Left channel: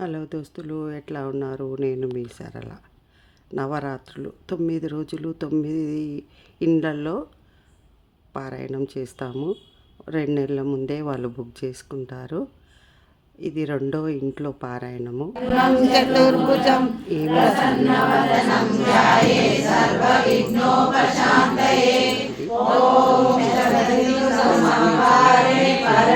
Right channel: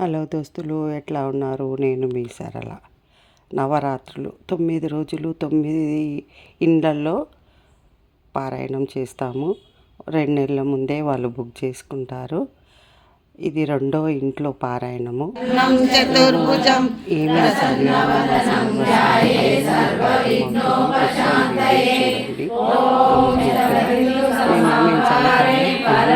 Hello దోస్తులు ఎట్లా ఉన్నారు? నేను మీ సరళ. నవరాత్రులు తొమ్మిది రోజులు తొమ్మిది ఇండ్లల్లో పారాయణం చేస్తాము. రెండు నెలల ముందే వాళ్ళు బుక్ చేసుకుంటారు. ఇది రెండో ఇంట్లో పారాయణము. చతుర్భుజం ఏమి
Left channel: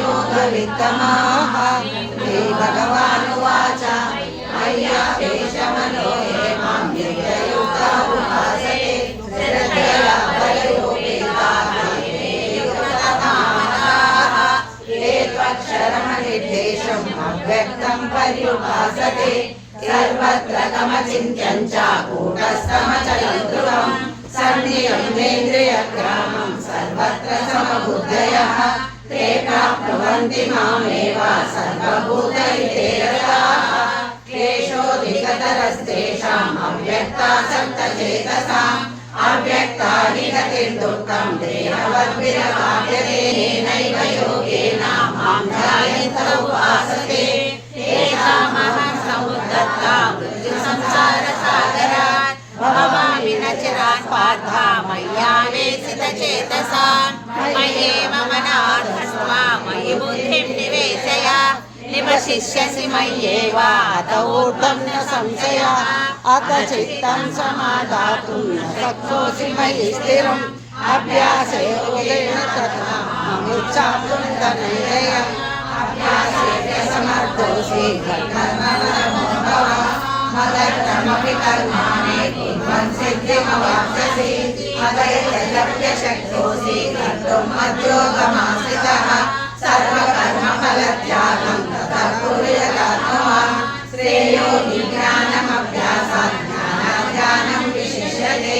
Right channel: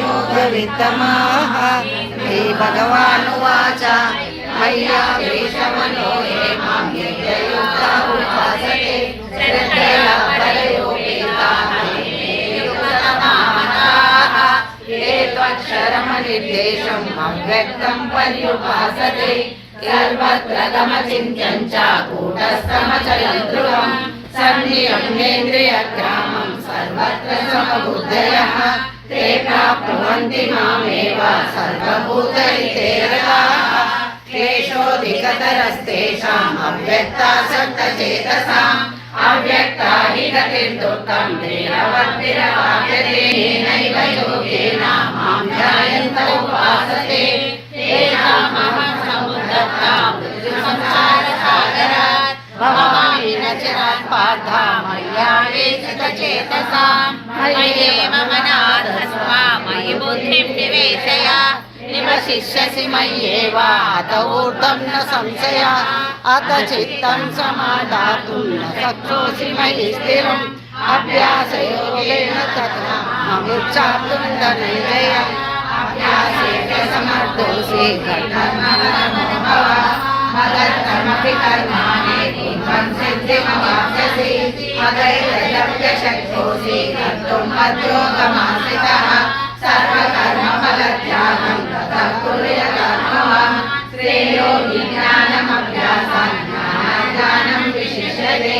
యోగవిత్తమాః హే భగవానువాచ మయ్యా వేషమనో ఉపాసతే. శ్రద్ధయా బలయోపేతా ఏ అవ్యక్తం పర్యుపాసతే. సర్వత్ర గమచింత్యం చ కూటస్థమచలం ధ్రువం సన్నియమ్నేంద్రియగ్రామం సర్వత్ర సమబుద్ధయः ते प्राप्नुवन्ति मामेव सर्वभूतैतेरताः क्लेशोऽधिकतरस्तेषाम् अव्यक्तासक्तचेतसाम् अव्यक्ता हि गतिर्दुःखं देहवद्भिरवाप्यते येनैव योगेन मां ध्यायन्त उपासते तेषामहं समुद्धता मृत्युसंसारसागरात् भवामि न चिरात् पार्था मय्यावेशितचेतसाम् मय्येव मनाधस्व मयि बुद्धिं निवेशय निवशिष्यसि मय्येव अत ऊर्ध्वं न संशय अत चित्तं समादातुं न शक्नोषि मयि स्थिरम् अभ्यासे योगेन तथा ममुच्चाप्तुं धनञ्जय अभ्यासेन समर्थोऽसि घटनमो मदर्थमपिकर्माणि संसिद्धिमवाप्स्यसि मदैर्लभ्यशक्नोसि कर्तुम् मद्योगमाश्रितः सर्वकर्मफलत्यागं ततः कुर्यकर्मवान् श्रेयो विज्ञानमभ्यासात् ज्ञानाज्ञानं विशिष्यते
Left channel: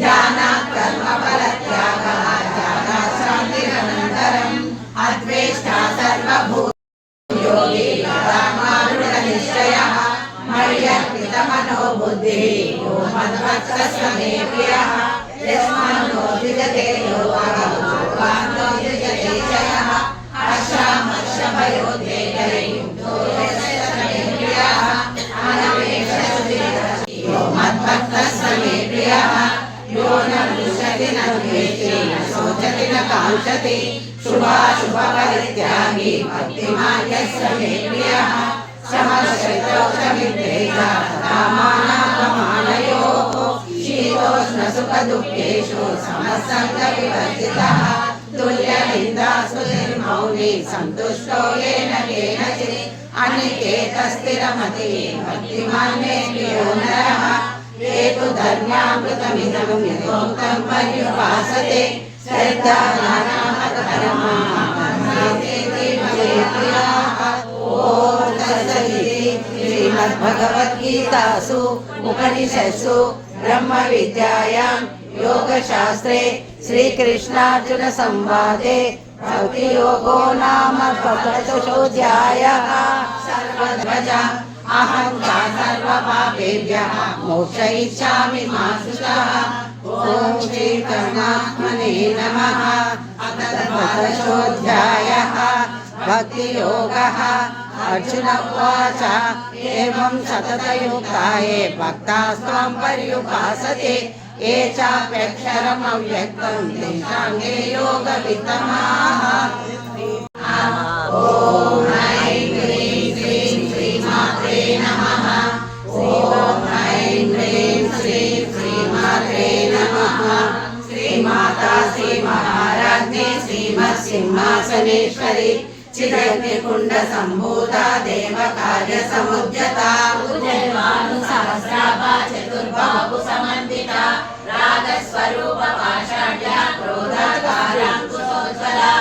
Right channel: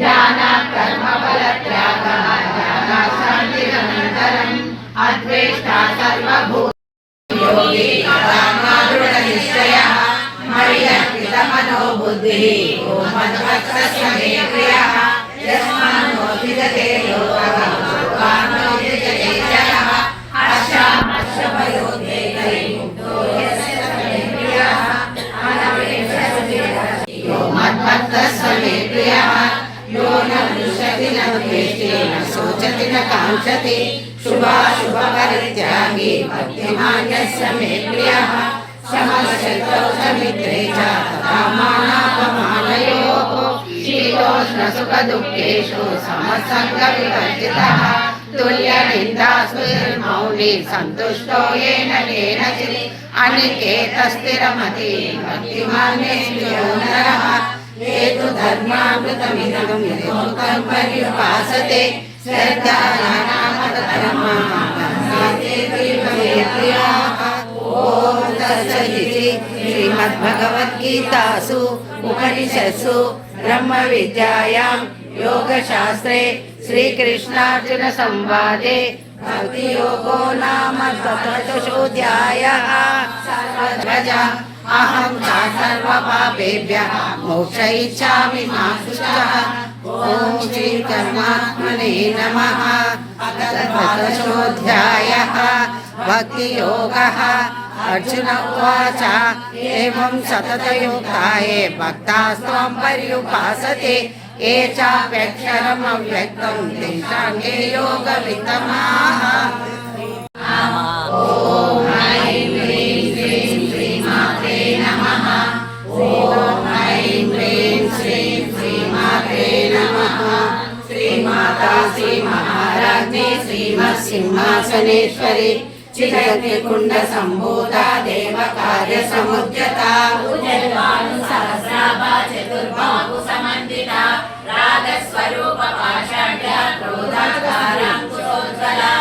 ध्यानात् कर्मफलत्यागः त्यागात् शान्तिरनन्तरम् अद्वेष्टा सर्वभूत योगी मय्यर्पितमनो बुद्धिः ॐ मद्भक्तस्य मे प्रियः यस्मान्नोदिजते लोकः लोकान्नोदिजते जयः हर्षामर्षभयोद्वेगैर्मुक्तो यस्य मे प्रियः यो मद्भक्तस्य मे प्रियः यो न वृषति न शोचति न काङ्क्षति, शुभाशुभपरित्यागी भक्तिमान् मे प्रियः च तथा मानापमानयोः शीतोष्णसुखदुःखेषु समसङ्गविवर्जितः तुल्यनिन्दास्तिर्मौली सन्तुष्टो येन केनचित् अनिकेतस्थिरमति भक्तिमान्यस्यो नरः हेतु धर्मामृतमिदं हेतुकं पर्युपासते ॐ तत्सदिति श्रीमद्भगवद्गीतासु, उपनिषत्सु, ब्रह्मविद्यायां, योगशास्त्रे, श्रीकृष्णार्जुनसंवादे, भक्तियोगो नाम सप्तदशोऽध्यायः सर्वध्वज, अहं च सर्वपापेभ्यः मोक्ष इच्छामि ॐ नमः। भक्तियोगः అర్జున ఉవాచ ఏవం సతతయుక్తాయే భక్తాస్త్వం పర్యుపాసతే ఏ చాప్యక్షరम् అవ్యక్తం తేషాంగే యోగ విత్తమాః శ్రీమాతా శ్రీ మహారాజ్ఞి శ్రీమత్ సింహాసనేశ్వరి చిరగ్నికుండ సంభూత దేవ కార్య సముద్యత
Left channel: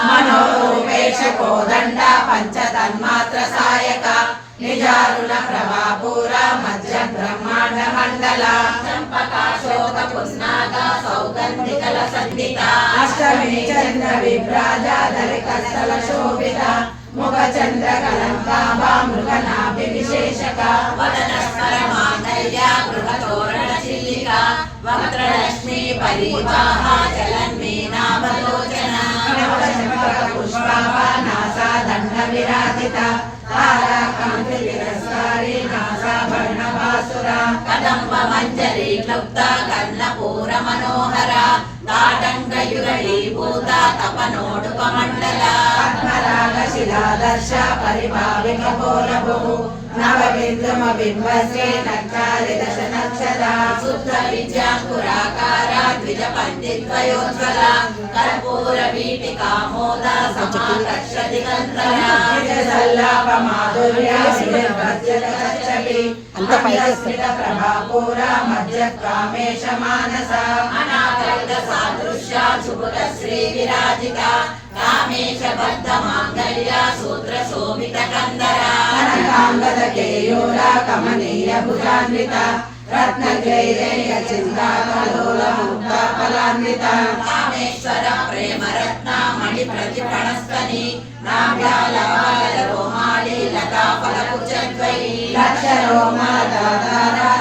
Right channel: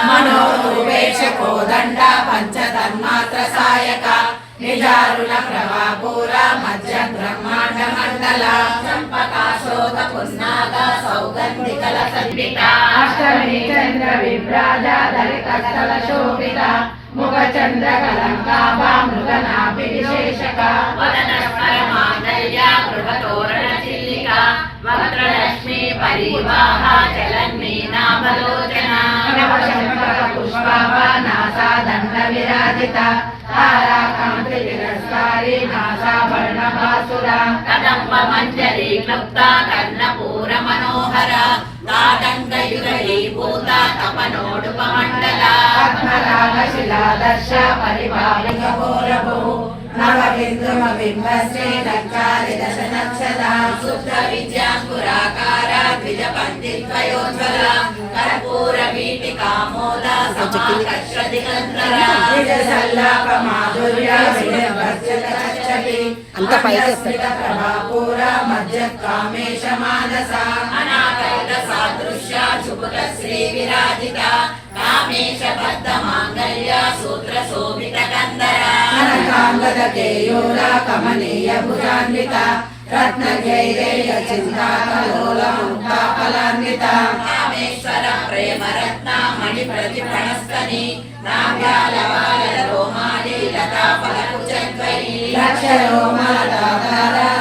మనోరూపేశ కోదండ పంచతన్మాత్ర సాయక. నిజారుణ ప్రభాపూర మధ్య బ్రహ్మాండ మండల. అష్టమి చంద్ర విభ్రాజ దళిత స్థల శోభిత ముఖ చంద్ర కలంకాభా మృగనాభి విశేషక పుష్పాభా నాసా దండ విరాజిత తారా కాంతి తిరస్కారి నాసా వర్ణభాసుర కదంబ మంజరి క్లుప్త కర్ణపూర మనోహర దాటంగయుగీభూత శిలాదర్శ పరిభావిక పూరభు నవ బిందుమ బింబశ్రీ నక్కాలి దశ నక్షర శుద్ధ విద్యాంకురాకార ద్విజ పండిత్వయోజ్వల కర్పూర వీటి కామోద సమాకర్ష దిగంధర నిజ సల్లాప మాధుర్య వినిర్వజ్జల చచ్చలి అంత పైకి ప్రభాపూర మధ్య కామేశ మానస అనాకరిత సాదృశ్య శుభక శ్రీ విరాజిత కామేశ బద్ధ మాంగళ్య సూత్ర శోభిత కందర కనకాంగద కేయూర కమనీయ భుజాన్విత రత్న జైరేయ చింతా కలోల ముక్త ఫలాన్విత కామేశ్వర ప్రేమ రత్న మణి ప్రతిఫణస్తని నాభ్యాల బాల రోమాలి లతా లక్షరోమాధార సమున్నేయ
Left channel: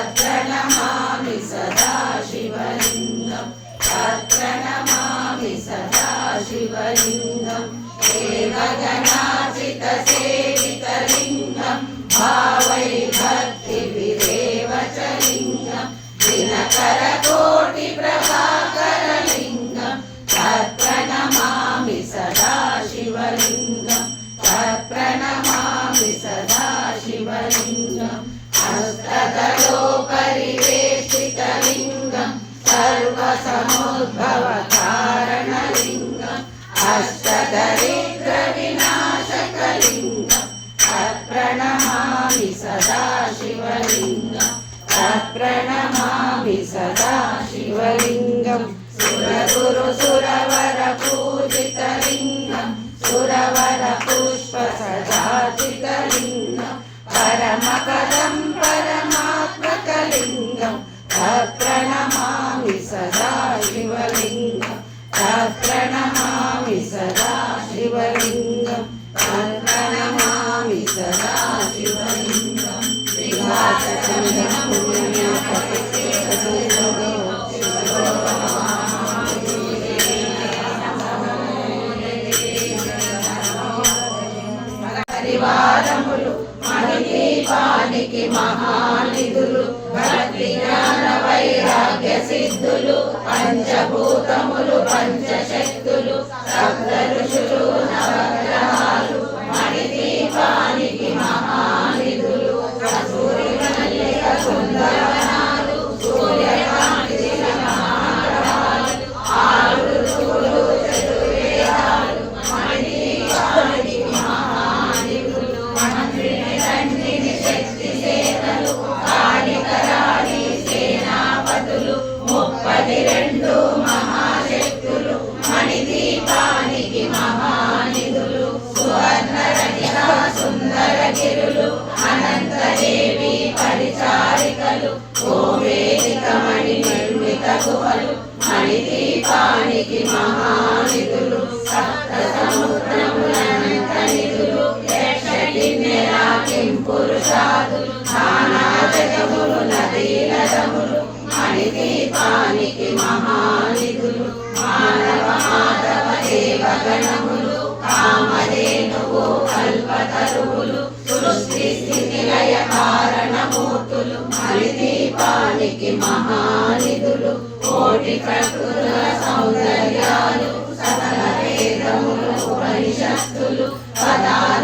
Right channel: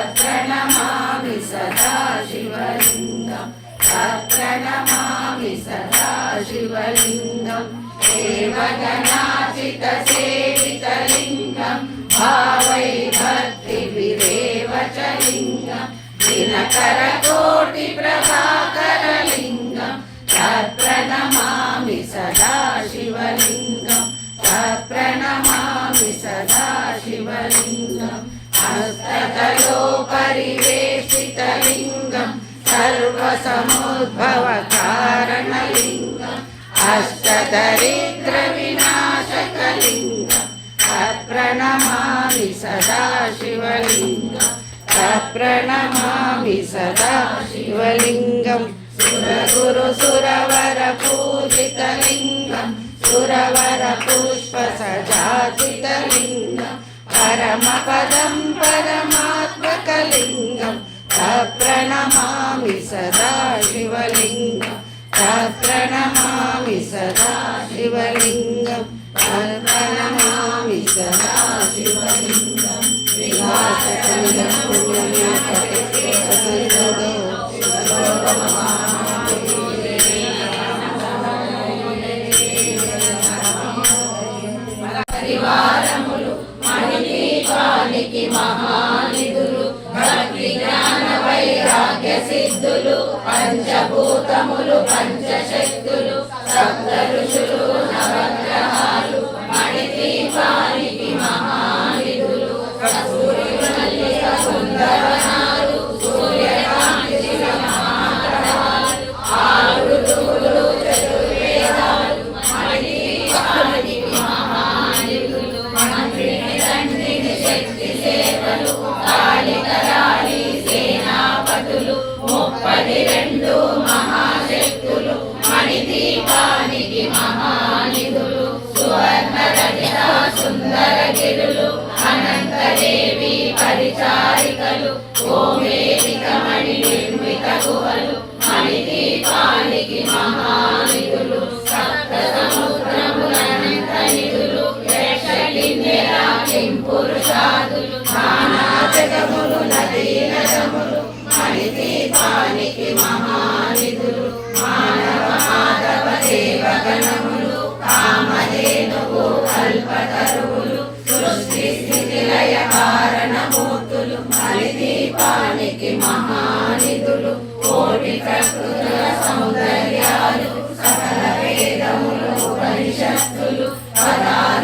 ప్రణమామి సదా శివలింగం. ప్రణమామి సదా శివలింగం. దేవగణాచిత సేవితలింగం భావై భక్తి విరేవ చ లింగం. దినకర పరివేషితలింగం సర్వసముద్భవ కారణలింగం అష్టదరిద్ర వినాశకలింగం అప్రణమామి సదా అప్రణమామి సదాశివలింగం సురగురు సురవర పూజితలింగం సురవర పుష్ప సజాతితలింగం పరమపదం పరమా ప్రణమామి సదా శివలింగం. ప్రణమామి సదా శివలింగం. ప్రణమామి సదా శివలింగం. విలాసకమిదం పంచభూతములు పంచశక్తులు సప్త నదములు మహానిధులు మానవ మాధవ దేవగణములు కామధేనువు కల్పతరువులు సృష్టి స్థితి లయ కారణమూర్తులు అణిదీపానికి మహానిధులు కోటి ప్రకృతుల సౌందర్యాలు సకల వేదములు ఉపనిషత్తులు పదాలు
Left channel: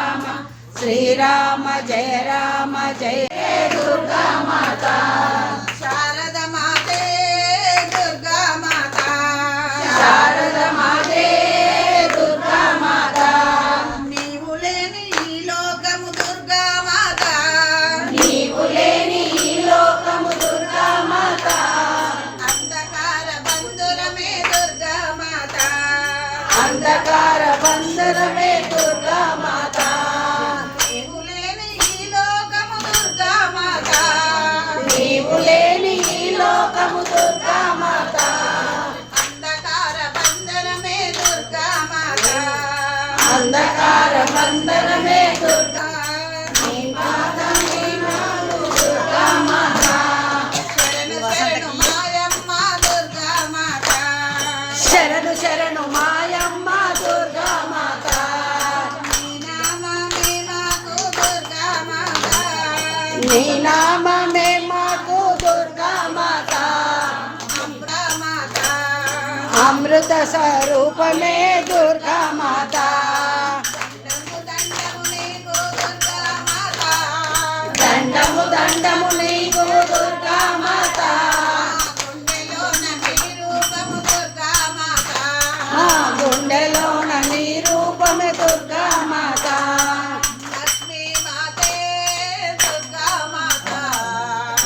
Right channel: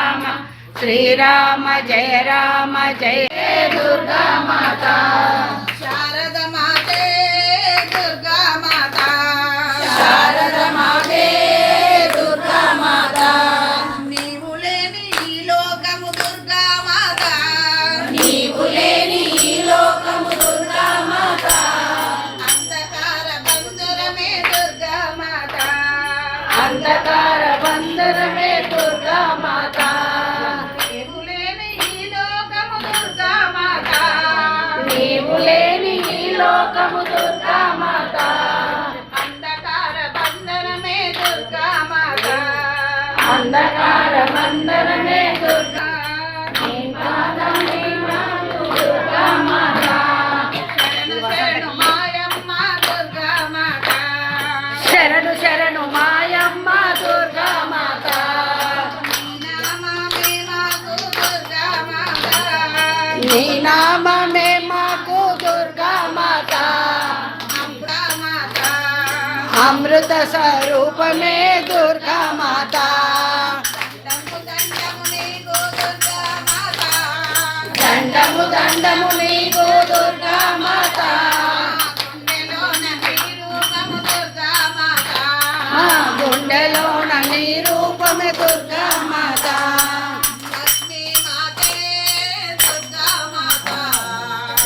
శ్రీరామ జయ రామ జయ దుర్గా అంధకార బంధనమే దుర్గా శరణు శరణు మాయమ్మ దుర్గా మాత. నీ నామమే మాకు దుర్గా మాత. అమృత స్వరూపమే దండము నీకు దుర్గా మాత. మా గుండెలోన నీ రూపమే దుర్గా మాత. లక్ష్మీ మాతే దుర్గా మాత.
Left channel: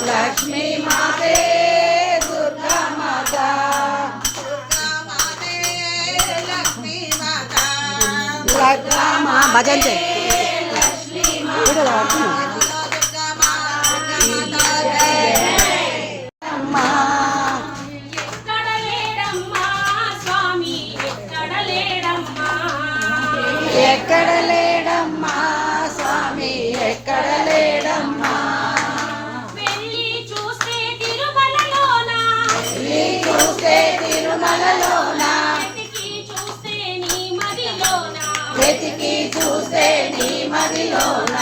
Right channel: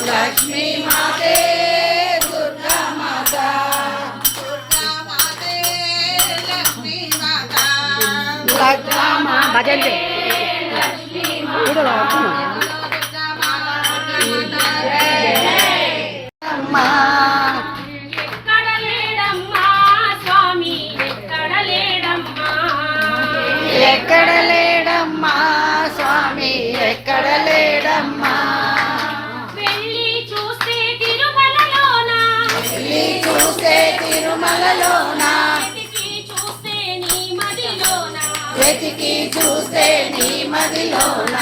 లక్ష్మీ మాతే దుర్గా మదిలోన? వెతికి చూస్తే నీ మదిలోన?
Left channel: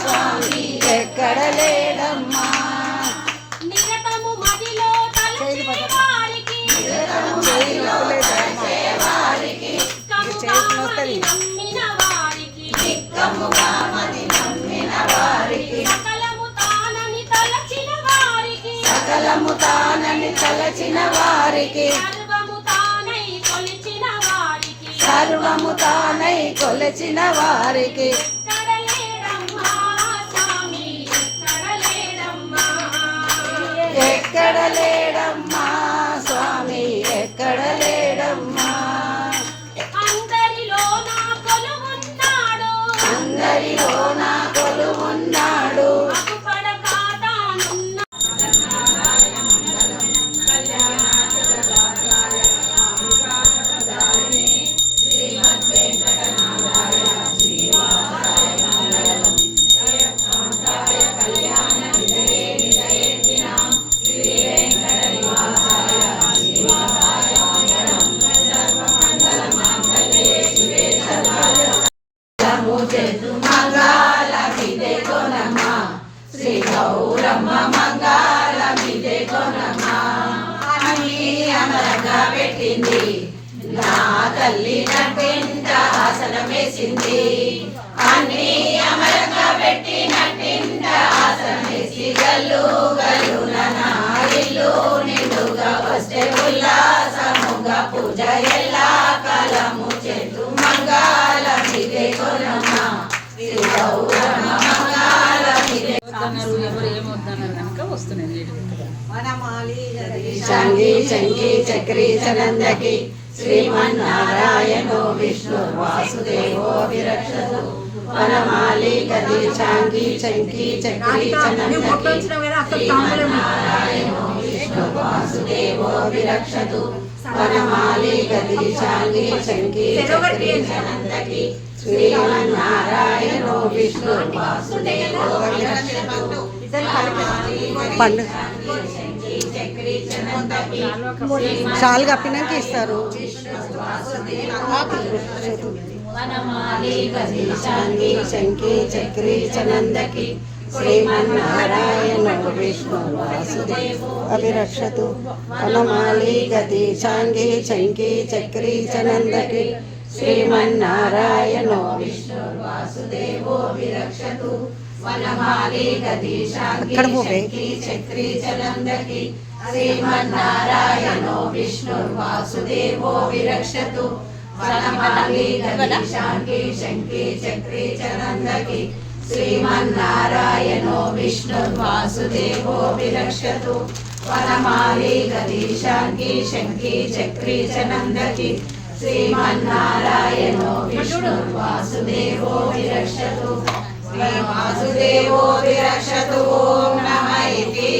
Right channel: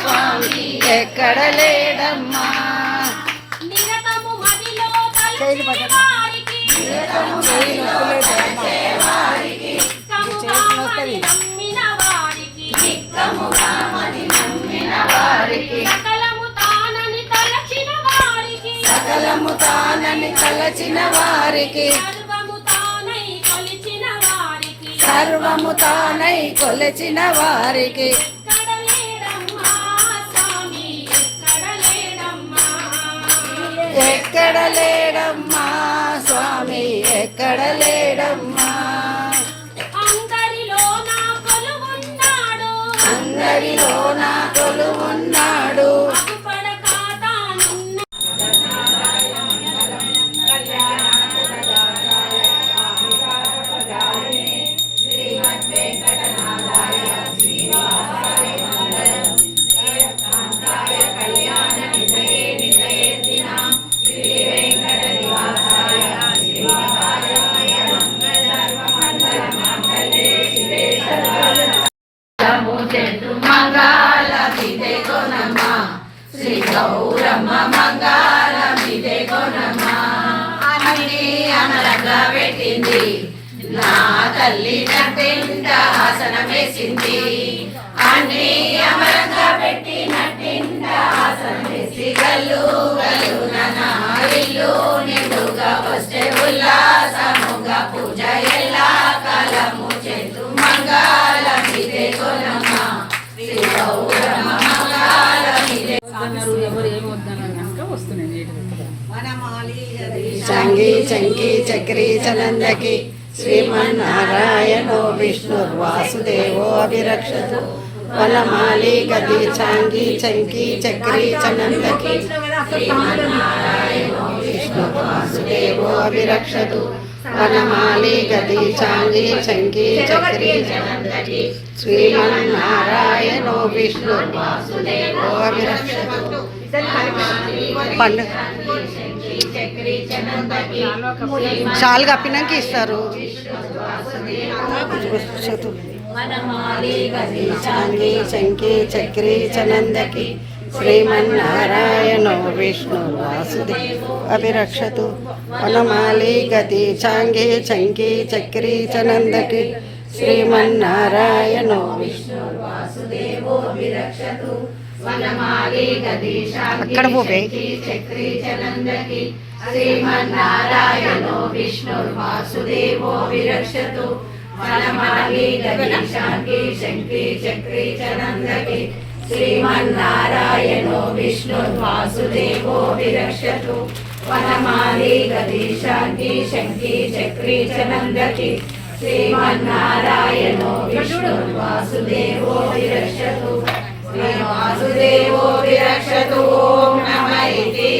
స్వామి ఎక్కడ లేడమ్మా? నిరతము మదిలో తలచే వారికి. కముగామని సకలము తానని తలచిన వారికి. సర్వము తానై కొలిచిన వారికి. ఎక్కడ లేడమ్మా స్వామి ఎక్కడ లేడమ్మా అందరిలో నా మంగళ విదే కొనమ్మ శ్రీ గౌరమ్మ మంగళ విదే కొనమ్మ అన్ని అమరంగా పెట్టింది నా తల్లి నటింట ఆసనం వేసింది అన్ని అమరంగా పెట్టి నటింట ఆసనం వేసి గల్లు గల్లు ఉల్లాసముగా పూజ ఎల్లా కాలము చేతు మంగళం ఇదే కొనమ్మ శ్రీ గౌరమ్మ మంగళం ఇదే చంగి చక్రి చనందకి శ్రీమన్నారాయణో విష్ణు వాసుదేవో అభిరక్షతు. వనమాలి గది చాంగి చంకి చక్రి చనందకి శ్రీమన్నారాయణ వాసుదేవో అభిరక్షతు. వనమాలి గది చాంగి చంకి చక్రి చనందకి శ్రీమన్నారాయణో విష్ణు. వాసుదేవో అభిరక్షతు. పండుగ షాల్ కప్పినాక ఇస్తారు. చాంగి చంకి చక్రి చనందకి శ్రీమన్నారాయణో విష్ణు వాసుదేవ. అభిరక్షతు వనమాలి గతి చాంగి చంకి చక్రి చనందకి శ్రీమన్నారాయణో విష్ణు అక్కడ పోవే. చక్రి చలందకి శ్రీమన్నారాయణో విష్ణు వాసుదేవో విరక్షతు వనమాలి గది శాంతి శంకి చక్రి చనందకి శ్రీమన్నారాయణో విష్ణు వాసుదేవో విరక్షతు. వనమాలి గది శాంతి శంకి చక్రి చనందకి. శ్రీమన్నారాయణో విష్ణు వాసుదేవో విరక్షతు. శ్రీ వాసుదేవో విరక్షతు ఓం నమ ఇతి